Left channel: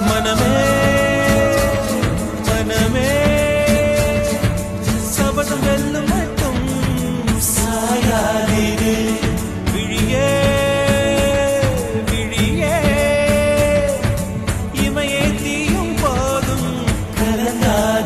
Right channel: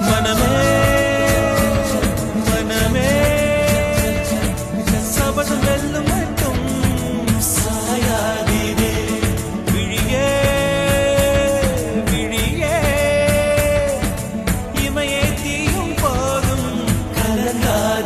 மனமே மனமே சபதம் வெல்லும் மட்டும் சாயாதீரே விழியே விழியே இமையே தீயும் போதும் கலங்காதீரே